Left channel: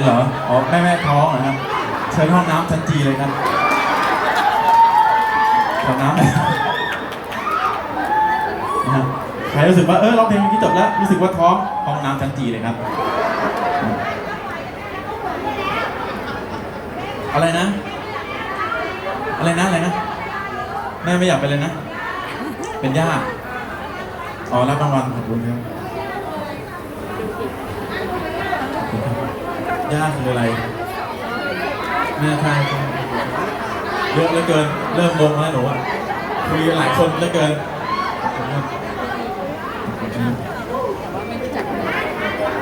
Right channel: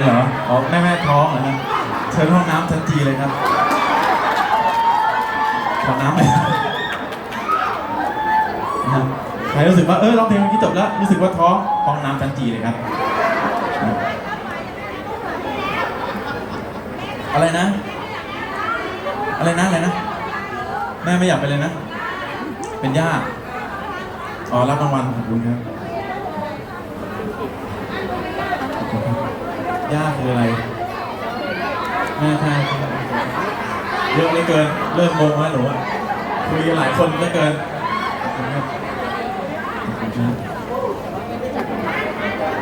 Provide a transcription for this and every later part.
เหรอ อ๋อ แม่แม่ท้องเหรอครับเชิญห้องน้ำชั้นจีเลยครับ ขอน้ำหน่อยนะครับใครรู้สึกว่า เออร้องเพลงพี่จบแล้ว รู้สึกว่าท้อง ห้องน้ำชั้นจีเลยครับ อะไรนะ อะไรนะ อะไรนะ แม่ไม่อยากไปเลยนะ เป็นย่า อ๋อ รับรางวัลขอบคุณครับ ยากคืออะไรแม่ใช่ใช่เยอะเหลือเกิน เริ่มงงแล้วหนูอะคุยหลายคนเหลือเกินครับขอบคุณครับ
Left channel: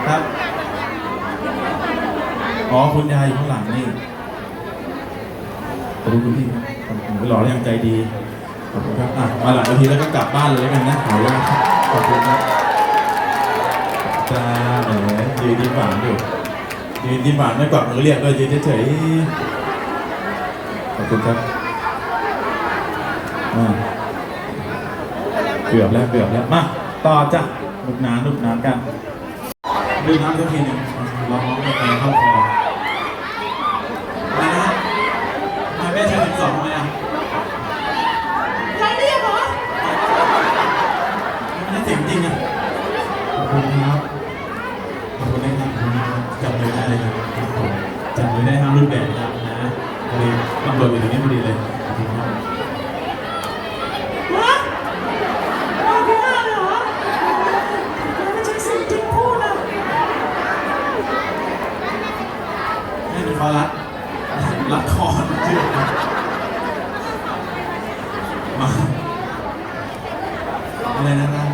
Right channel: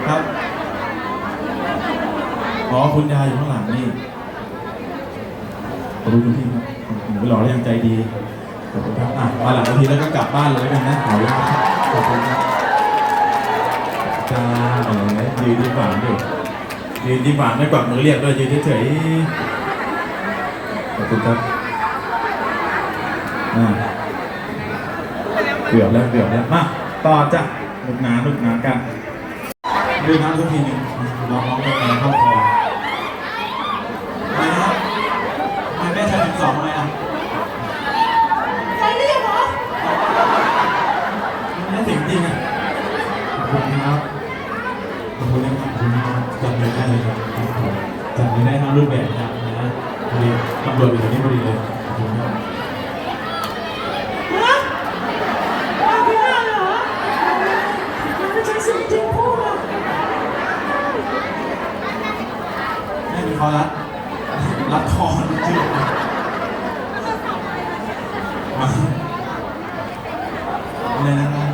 ครับ อ๋อคุณยายอยู่ข้างหลังนี่ขอบคุณคุณพี่ครับขอบคุณไปหล่อแล้วยังใจดีขอบคุณครับอะมาหลังนาทีแล้วก็กลับบ้านเลยแล้วกันนะขออนุญาตครับขอบคุณครับจ้าเอ๋ยืนดีกว่าดิยื นดีกว่าไม่กวักมือเรียกด้วยยืนเฉยๆขอบคุณครับอ่าเกือบแล้วเกือบแล้วมาต่อจ้ะหนุกหนานหนุกหนานกันดื่มน้ำสักทีหนึงลองร้องเพลงเข้าคออะไรนะทำได้ชั้นสิบสองไหมอะ ใครเรียกเหรอ ไม่เสียงจริงอะขอบคุณครับขอบคุณนะครับขอบคุณครับจำไม่ได้เลยครับจำไม่ได้ทั้งรูปแบบจำนะพอดีตำรวจอยู่ตรงนี้พอดีเลยขอบคุณครับ ฮะมาที่หน้าเลยเหรอไม่ใช่สิ่งจริงพูดนะ ไม่มีคอรัดรัดคอชื่อมาอะไรนะครับ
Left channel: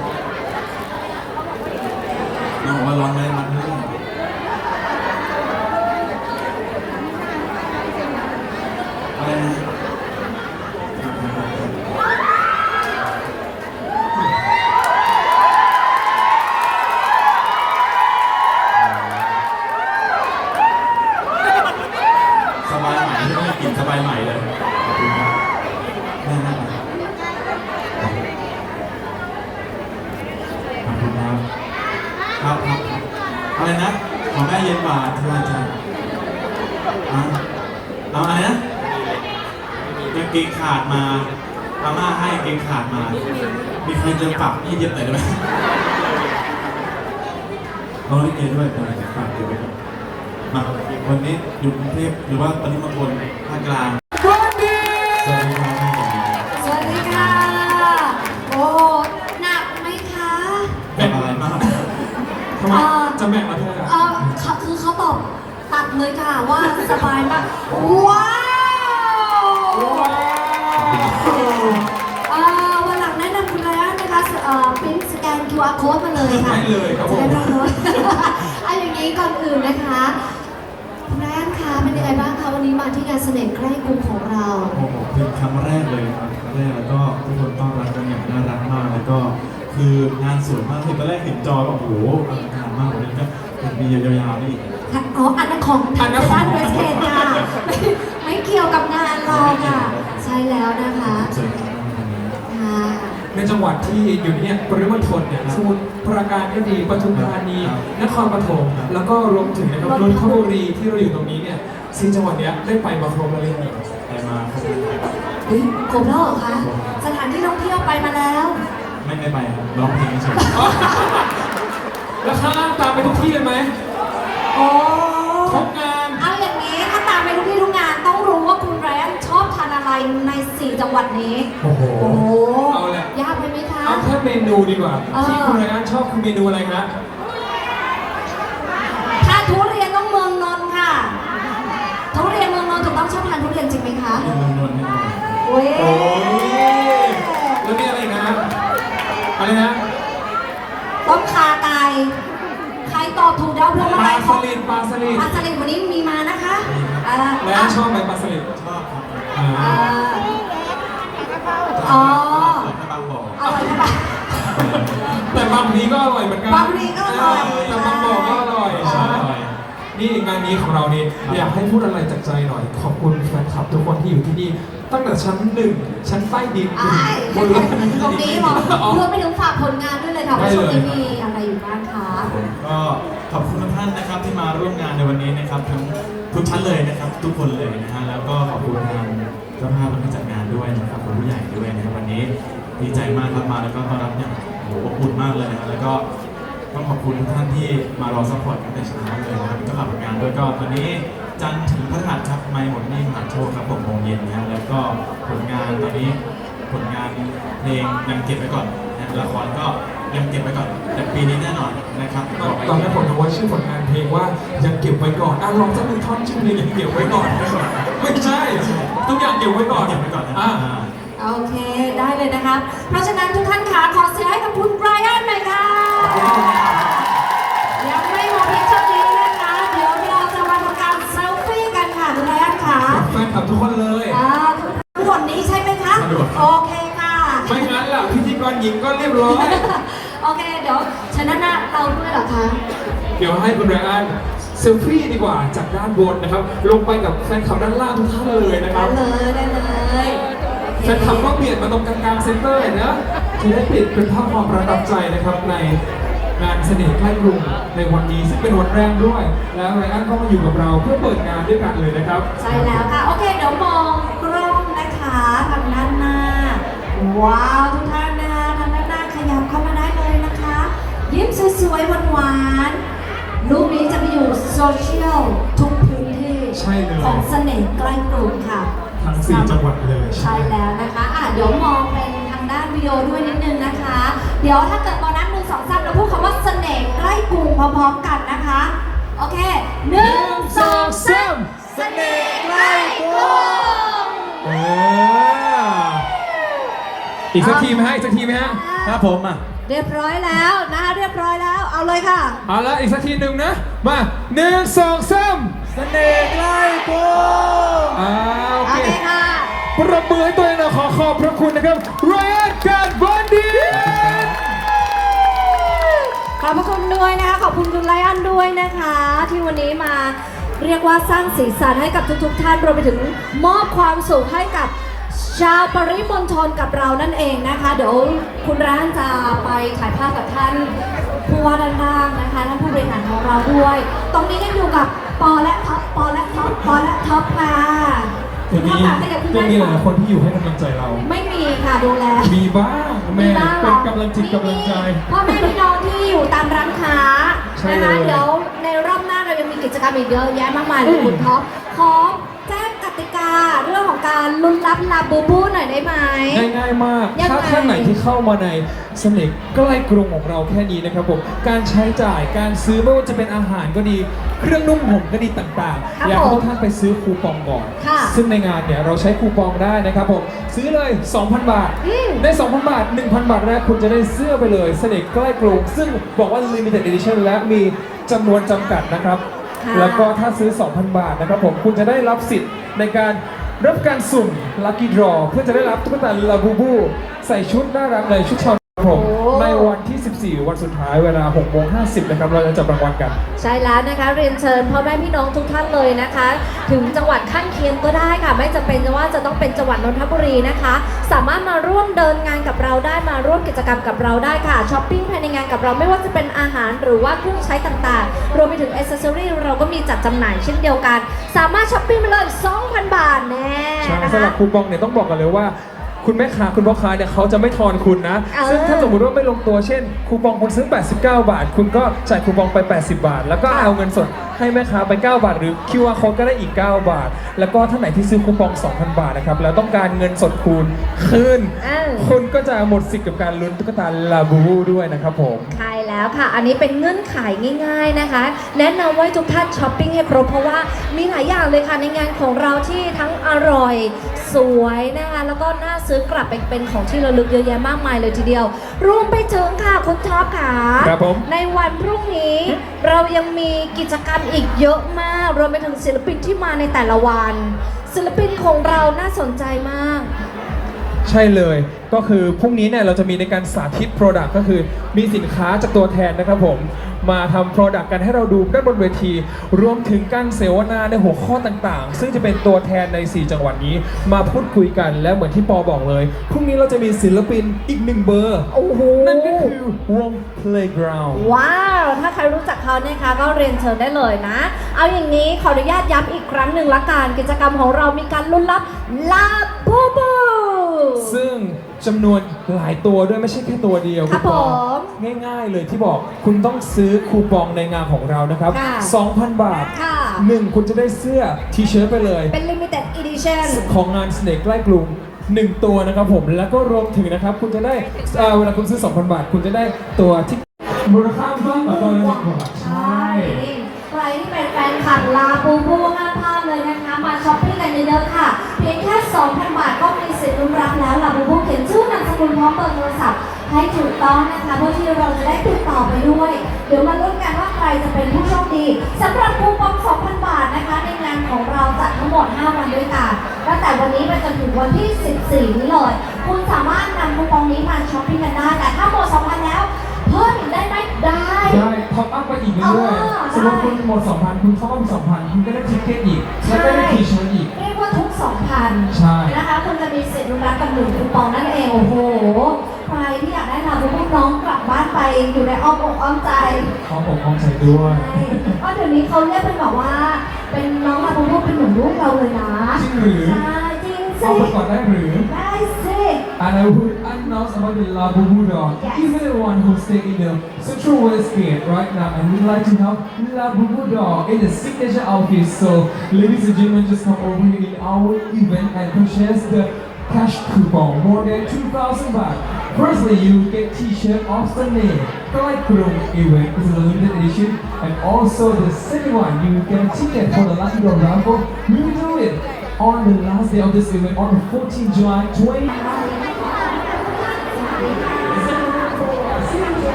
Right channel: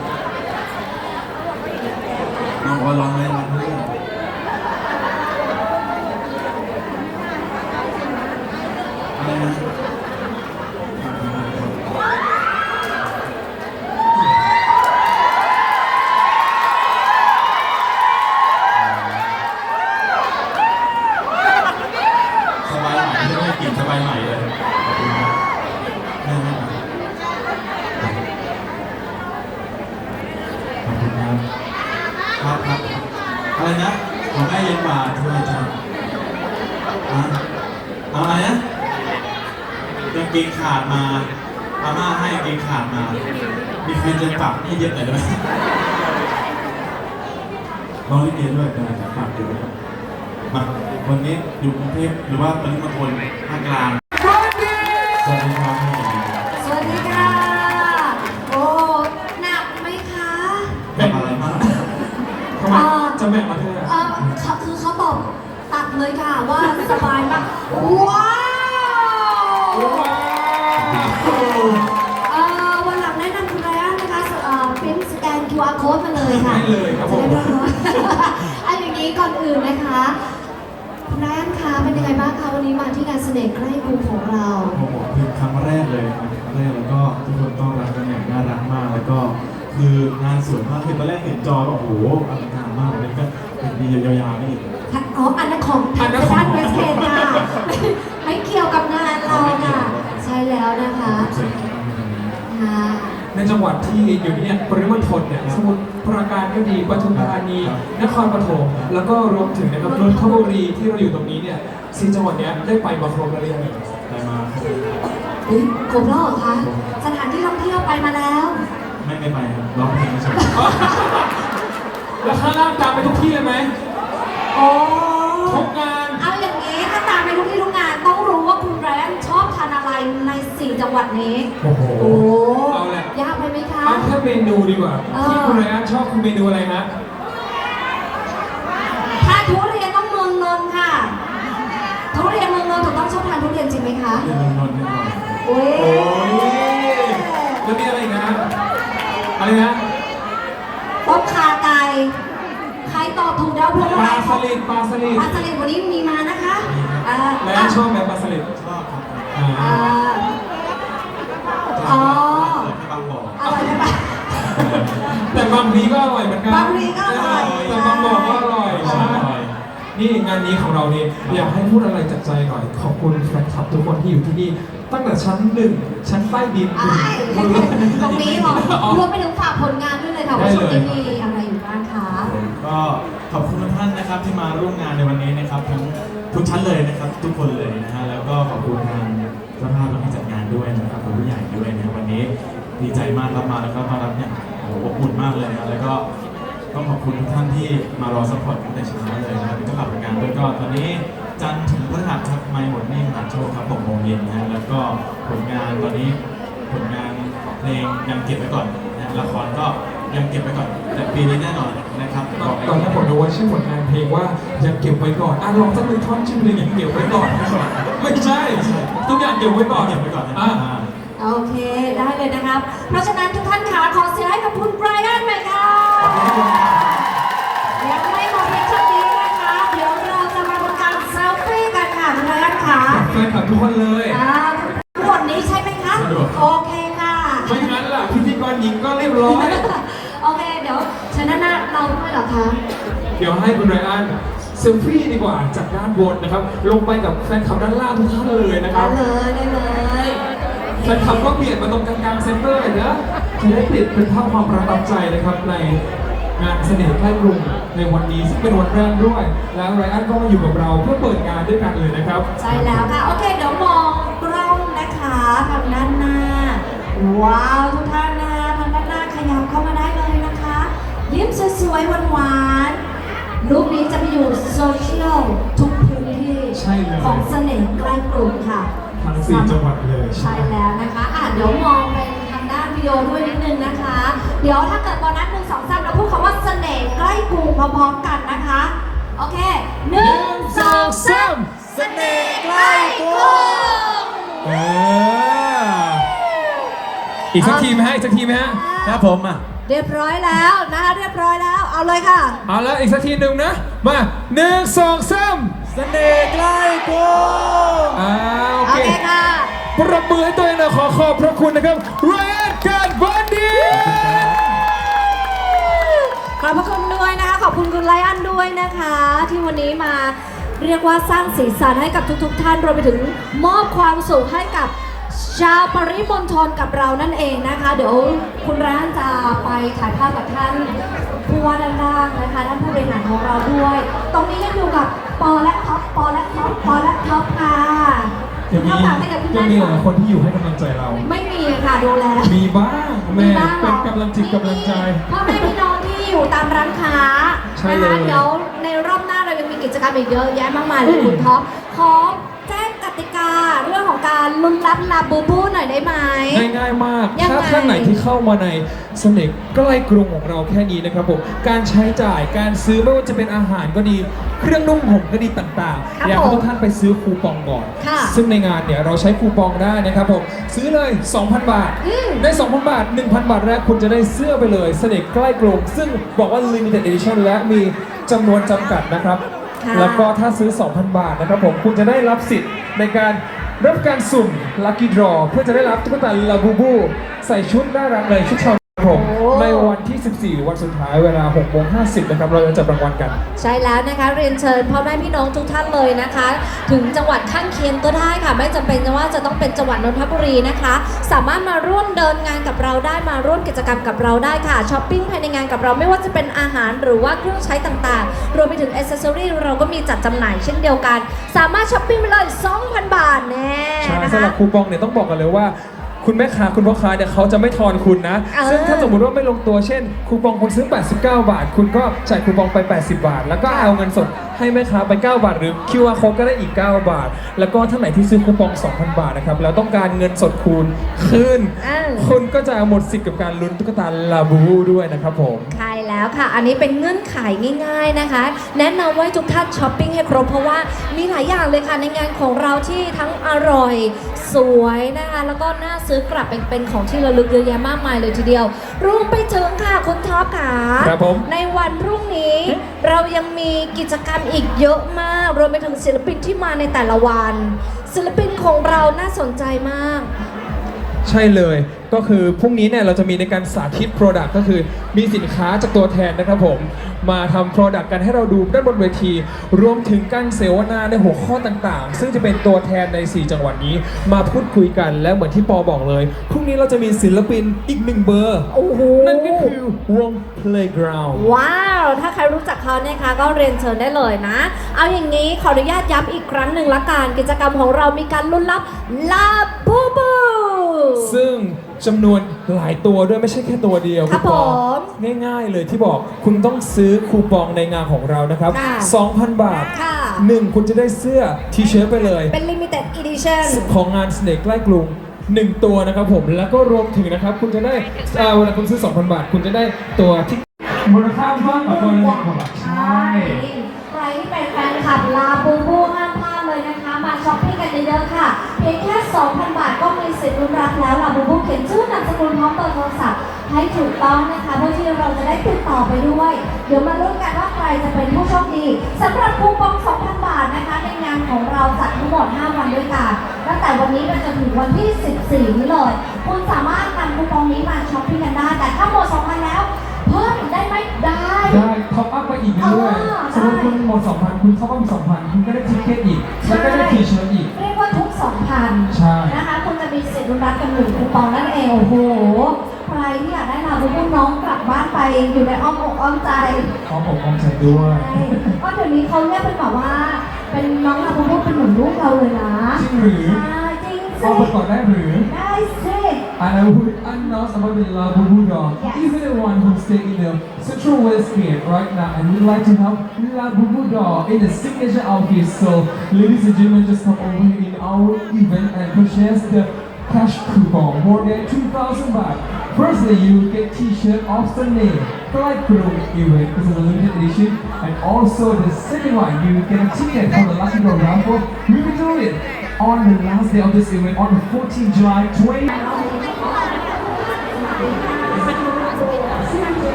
น้องบอกว่าร้อนไหมร้อนไหมอะไรนะสบายใหม่ ที่ไม่ได้กลิ่นสบายใหม่เลยขอบคุณครับแม่แม่มาขอบคุณครับ ครับครับอะไรนะ ของแม่เย็นกว่าเธอจะอะเอาอะไรนะกางเกงขาดมาอาม่าให้กางเกงขาดมา มีใครจะปรับนี่เย็บหน่อยได้ไหมน้องลิเกด้วยเออปรับเดี๋ยวไปครับ มาวันนี้อยู่กรุงเทพหรือว่าปริมณฑลภาคกลางสวัสดี สวัสดีครับแม่เย็นดีสวัสดีค่ะ โอ้หนักไหมคะแม่อะไรมากทำไมจะแม่มาเธอเออเขาคือเขาบอกตัดเลยค่ะว่าสบายมากว้าวเอ่อวันหลังแนะนำคุณไรอันนะคะเอ่อพิมพ์สแกน QR code มาเลยค่ะได้เลยครับผมจะได้รู้ว่าอั นอย่างนี้ก่อนอื่นนะคะคุณไรอันคะเป็นยังไงบ้างคะวันนี้มาที่งานเสน่ห์ใกล้กรุงของเรา โอ้โหคือครั้งแรกเลยครับครั้งแรกแล้วก็ทุกคนต้อนรับกันอย่างน่ารักมากแล้วก็คืองานสวยมากคือตอนแรกเห็นจอแล้วโอ้โหอลังการมากวันนี้ก็เป็นปียาวๆนี่อีก อ๋ออันนั้นของทางด้านเวสเทนค่ะไม่เกี่ยวกับงานเราค่ะ ใช่แล้วนะคะเชิญครับวันนี้ค่ะ ในจังหวัดที่อยู่เนี่ยปริมณฑลเนี่ยสมุทรปราการก็ดีปทุมธานี นครปฐมแล้วก็รวมถึงนะครับนนทบุรีที่เราอยู่ตรงนี้เนี่ยสี่จังหวัดเนี้ยได้ไปมาครบแล้วหรือยังได้มาครบเลยเฮ้ยครบแล้วเหรอคะสถานที่ท่องเที่ยวไปมาแล้ว ไม่ไม่ไปครับร้องเพลงเฉยแล้วข้างล่างตามไปทุกที่เลยไหมโอ้ทุกงานเอาอย่างนี้ถ้าตามไปทุกที่ทุกงานต้องรู้ว่าคุณแรมชอบทานอะไรในสี่จังหวัดนี้ โอ้โห แค่เมนูดีกว่าเออ ที่คุณไรอันชอบคือเมนูอะไรนะถ้าทุเรียนต้องเมืองนนท์ค่ะ ทุเรียนเมืองนนท์ถูกต้องชอบทานทุเรียนจริงไหมคะๆเรื่องนวลนิดหน่อยโอ้ยโอ้ยแล้วมีอะไรอีกนะอะไรนะต้มขาไก่ใครตอบถูกแล้วพวงปมาลาลัยสลิดปลาสลิดปลาสลิดวันนี้มีมานะคะอ่าแล้วชอบไหมปลาสลิดชอบครับอ่า อ่าอ๋อ แค่บางบ่อ อร่อยใช่ปะ แต่บางทีก็อร่อยเหมือนกันบางทีก็อร่อย แต่บางบ่อก็อร่อยใช่ใช่นี่งานนี้ของเรานี่อยากให้พูดอะไรจากใจหน่อย ขอบคุณแฟนคลับทุกคนที่อยู่ที่นี่ ตั้งแต่ชั้นหนึ่งชั้นใต้ดินไอ้ตรงนี้เหรอรวมไปถึงฝากผลงานด้วยเลยค่ะว่าช่วงนี้มีอะไรอยู่บ้างคะ ก็ขอบคุณทุกท่านนะครับที่มาร่วมงานในวันนี้นะครับทั้งทุกท่านเลยนะครับ ทุกคนเลยนะฮะแล้วก็ขอบคุณทางเจ้าภาพและผู้จัดงานด้วยนะครับขอบคุณผู้ใหญ่ด้วยนะครับวันนี้ดีใจมากครับมาแล้วก็ต้อนรับอย่าง โอ้โหอบอุ่นมากเลยนะแล้วก็ต้องขอบคุณทุกท่านที่มารอซัพพอร์ตตั้งแต่เช้าเลยนะครับเจ้าของงานด้วยก็ตอนนี้จันทร์ถึงพฤหัสครับไม่หมดหนี่มหาโชคครับ6โมงเย็นนะฮะแล้วก็ผลงานตอนนี้ผลงานเพลงยังเก็บไว้ก่อนนะละครก็ยังเก็บไว้ก่อนแต่ปีนี้แน่นอนนะครับตอนแรกผมดูว่าชื่อผลงานเพลงว่ายังเก็บไว้ก่อนอะลองสักหนึ่งท่อนชื่อเพลงยังเก็บไว้ก่อนไม่ใช่ทุกอย่างเก็บไว้ก่อนเก็บไว้ก่อนนะอะอ่า โอเคได้เลยนะครับ เพราะฉะนั้นทุกท่านคะขอเสียงให้กับคุณไบรอันหน่อยค่ะยังไม่หมดเพียงเท่านี้นะคะ เดี๋ยวเราจะมาทำการเซลฟี่กันค่ะคุณไบรอันค่ะแฟนคลับทุกคนเลยอ่าทั้งหมดนี้ใช่ไหมคะสะดวกโอเคค่ะ ไม่งั้นล่ะพิธีกรหญิงก็เรียบร้อย โอเคเดี๋ยวชนะหน้าเราด้วยเหรอคะเดี๋ยวให้คุณไรอันเซลฟี่ดีกว่าจากด้านบนนะครับ ลงไปกับแฟนคลับด้านล่างทุกท่านเลยนะคได้รับเลยได้เลย แฟนคลับก็เปลี่ยนมาตรงกลางๆเซ็นเตอร์เลยนะจะได้ติดเป็นภาพความประทับใจนะครับในงานเสน่ห์ใกล้กรุงในวันนี้ซึ่งเป็นวันแรกด้วย แล้วไรอันก็มาอยู่กับเราเพื่อเปิดงานด้วยกันเลยนะครับ ใช่แล้วค่ะ โอเค เดี๋ยวมองกล้องนะคะทางด้านหน้า ว้าว ทุกท่านนะคะทางด้านหน้าขยับเข้ามาได้เลยนะคะ ยิ้มสวยๆหวานๆรูปนี้จะไปอยู่โซเชียลทุกพื้นที่ใช่เลยของเสน่ห์ใกล้กรุงค่ะ ทั้งสี่จังหวัดเลยใช่แล้วนะคะอะเดี๋ยวมองเป็นทางด้านวิดีโอด้วยนิดนึงนะคะ เดี๋ยวถ้าเกิดตอนนั้นหนึ่งสองสามเราพูดคำว่าเสน่ห์ใกล้กรุงพร้อมๆกันนะคะ โอเคหนึ่งสองสามเสน่ห์ใกล้กรุงเอออีกสักทีไหมฮะอีกสักทีไหมฮะครับผมอะเรียบร้อยแล้วนะคะเรียบร้อยแล้วเอาเลยค่ะ เอาละอีกสักทีหนึ่งนะ มาหนึ่งสองสามเสน่ห์ใกล้กรุงอ่า ปรบมือให้ตัวเองหนะขอขอบพระคุณนะครับเรนการบอนดี้ขอบพระคุณด้วยนะคะ ขอบคุณคุณไลอันด้วยนะคะ ที่วันนี้มาเรียกว่าสร้างสีสันให้กับทุกๆ ท่านรวมไปถึงมอบความสุขให้กับชาวปริมณฑลกับเรานั่นเองนะคะ เดี๋ยวคุณร้านจะไปถ่ายภาพกับท่านผู้ว่าด้านล่างนะคะท่านผู้บริหารของเราด้วย ตรงนี้ยังอยู่กับปอและท็อปปอและท็อปปอและท็อปค่ะ จะมีท็อปค่ะให้กับคุณจะแม่มีหก่อลายคนที่อยู่ให้กำลังใจเรา ไม่มีค่ะดูแล มีบ้างแม่บ้างหรเป็นอกำลังจิตกำลังใจพ่อแม่พี่น้องที่อยู่ตามร้านค้าใช่นะเลคะยเดี๋ยวในรอบหน้าเรายังมีกิจกรรมอีกเยอะแยะมากมายเลยคุณท็อปขอแจ้งก ติกาเรื่องของการลุ้นรับลาบูบูหน่อยได้ไหม ง่ายๆมาก ยังไง ถ้าท่านไหนที่เข้ามาในเสน่ห์ใกล้กรุงของเราแค่นี้นะครับผม การใช้จ่าย การซื้อไม่ว่าจะเป็นอาหารก็ดี เครื่องนุ่มห่มก็ดีต่างๆ อยากให้ทุกท่านไปซื้อคูปองก่อน ค่ะซึ่งในงานเนี่ยเราใช้คูปองได้นะครับผม ซื้อเลย 2,000 บาท อืม ได้ 2,000 บาท 1,000 บาทแรกคุณจะได้เสื้อไปเลย เสน่ห์ใกล้กรุง ซึ่งบอกว่า limited edition และมีจำนวนจำกัดนะครับ ค่ะ แล้วก็ถ้าซื้อ 2,000 บาทนะครับผม คุณจะได้รับสิทธิ์ ในการรับการสุ่ม Lucky Draw เพื่อจะได้รับตุ๊กตาลาบูบู ใส่ชุดน่ารักในชุดชาวผมโอ้ในวัน ที่14วันสุดท้ายเวลา6โมง50นะครับเราจะจับรางวัลกัน ใช่แล้วนะคะเรียนเชิญพ่อแม่พี่น้องทุกท่านเลยนะคะ ถึงจังหวัดข้างเคียงก็ได้ค่ะ ไม่จำเป็นว่าจะต้องเป็นจังหวัดนนทบุรีนะคะ สามารถมาร่วมเดินงานกับเราได้มาร่วมกิจกรรมกับเราได้ค่ะช้อปปิ้งภายในงานกับเราไม่ว่าจะเป็นอาหารหรือว่าเครื่องใช้ต่างๆ รวมไปถึงอ c เซอรี่เราก็มีจัดจำหน่ายเช่นเดียวกัน สามารถช้อปปิ้งไปเลย2,000 บาทแน่ใช่นะสำหรับคะคูปองเนี่ยต้องบอกกันเลยว่า คุณแม่ค้าคุณพ่อค้าเนี่ยเขาจะไม่ทอนคุณนะ เออซึ่งถ้าสมมติว่าไม่ลงตัวเช่น คูปองคุณซื้อ 89 บาท คุณก็จ่ายคูปองไป 80 บาท แล้วก็ค่ะเอาเงินสดให้แม่ค้าไป 9 บาท หรือ QR code ก็ได้อีก 9 บาท แล้วก็ท่านไหนที่ซื้อคูปอง 2,000 บาทนะครับแล้วต้องการเงินสดคูณคืนเออ คุณก็จะหมดสิทธิ์กับการลุ้นตุ๊กตาลาบูบูด้วยนะครับผม ใช่แล้วค่ะ อันนี้เป็นเงื่อนไขง่ายๆนะคะ แนะนำว่าทุกท่านช้อปปิ้งให้ครบเพราะว่ามีหลายอย่างเลยค่ะ ในงานของเราที่ทั้งอร่อย สวยนะคะ แล้วก็น่าซื้อกลับเป็นเป็นของที่ระลึกเยอะแยะมากมายเลยทีเดียว รวมไปถึงค่ะ คุณท็อปค่ะ ครับผม ในวันพรุ่งนี้เรายังมีกิจกรรมอีกเยอะมากรวมไปถึงศิลปินที่มาในแต่ละวัน ศิลปินของเราน่าสนใจมาก ใช่เลยก็คือพรุ่งนี้เนี่ยเราจะมีในการสาธิต Product ก็คือมีสินค้าจากตัวแทนนะครับผม มาทำ Product กันให้เราดูด้านบนเวที รวมถึงการเสวนาในหัวข้อต่างๆ ซึ่งจะเป็นตัวแทนใน 4 จังหวัดนี้ มาพูดคุยกันแล้วเหมือนที่ปอบอกเลย พรุ่งนี้เราจะมีศิลปินอีกหนึ่งเบอร์โอ้โหนั่นก็คือวง Playground ว้าว ถ้าใครรู้จักเขาเนี่ยคะก็เรียนเชิญได้เลยนะ เอาอย่างนี้ขออนุญาตย้ำอีกครั้งหนึ่งละกันกิจกรรมของเรามีการลุ้นรับลาบูบู ซึ่งจำนวนหลายตัวด้วยไม่ใช่แค่ตัวเดียวครับณปอผมง่ายๆเลยที่บอกคุณต้องซื้อคูปองในงานของเรานะครับ ค่ะ2,000 บาทค่ะ หนึ่งคุณจะได้เสื้อทีเชิ้ตไปเลย เป็น limited edition ของงานสเนกใกล้กรุงหนึ่งตัวนะครับผมแล้วก็รวมถึงนะครับ คุณจะได้เอ่อเวลาคุณซื้อ 2,000 บาท คุณจะได้ตัวที่มูลค่ามากกว่าตัวละหนึ่งบาท ใช่ ใครที่เป็นแฟนคลับลาบูบูห้า มพลาช้อปปิ้งกันเยอะๆค่ะ เพียงแค่ 2,000 บาทก็มีสิทธิ์ลุ้นรับแล้วลาบูบูเขียนชื่อนามสกุลพร้อมเบอร์โทรศัพท์ให้ถูกต้องนะคะเพื่อที่เราจะได้ติดต่อไปด้วย เดี๋ยวมาลุ้นกันว่าใครจะเป็นผู้โชคดีสำหรับคูปอง 2,000 บาทนะคะในงานของเราจัดทั้งหมด 5 วันด้วยกันตั้งแต่วันนี้ไปจนถึงวันที่ 14 นี้เลย คุณสามารถนำคูปองนี้มาช้อปปิ้งกันได้ ท็อปอัพไปอีกเรื่อยอ๋อๆสมมติคุณหมด2,000คุณท็อปอัพ2,000คุณก็ได้ทิกเก็ตอีก แล้วก็ได้ทีเชิ้ตอีก เรียกว่าทุก2,000ใช่ นะคะ คุณจะมีสิทธิ์ลุ้นรับกันหนึ่งคูปองนั่นเอง โอ้โห ใครที่อยากได้ลาบูบูน้องกลับบ้านไปอยู่ในอ้อมอกอ้อมใจขอผมของใจด้วยใช่ก็เดี๋ยวนี้เขาเรียกเป็นแบบว่า เป็นน้องลาบูบูเป็นเหมือนลูกเราเลยนะ จริงหรือใช่จริงสิเอาไปก่อนได้หรือ ได้สิ And I would announce about the Labubu dog. Yes. Even the one who stay in the Central West Gate right now and we'd like to help Labubu dog in the signature outfit. So, ladies and gentlemen, just come over here in our event and purchase the cash coupon more than 2,000 baht. Firstly, you get T-shirt of the name. Flight Crew event this is a limited edition, and also the second one, you get a ticket for the Lucky Draw raffle. We will do it on the last day of this event on the 14th July 20. Thank you.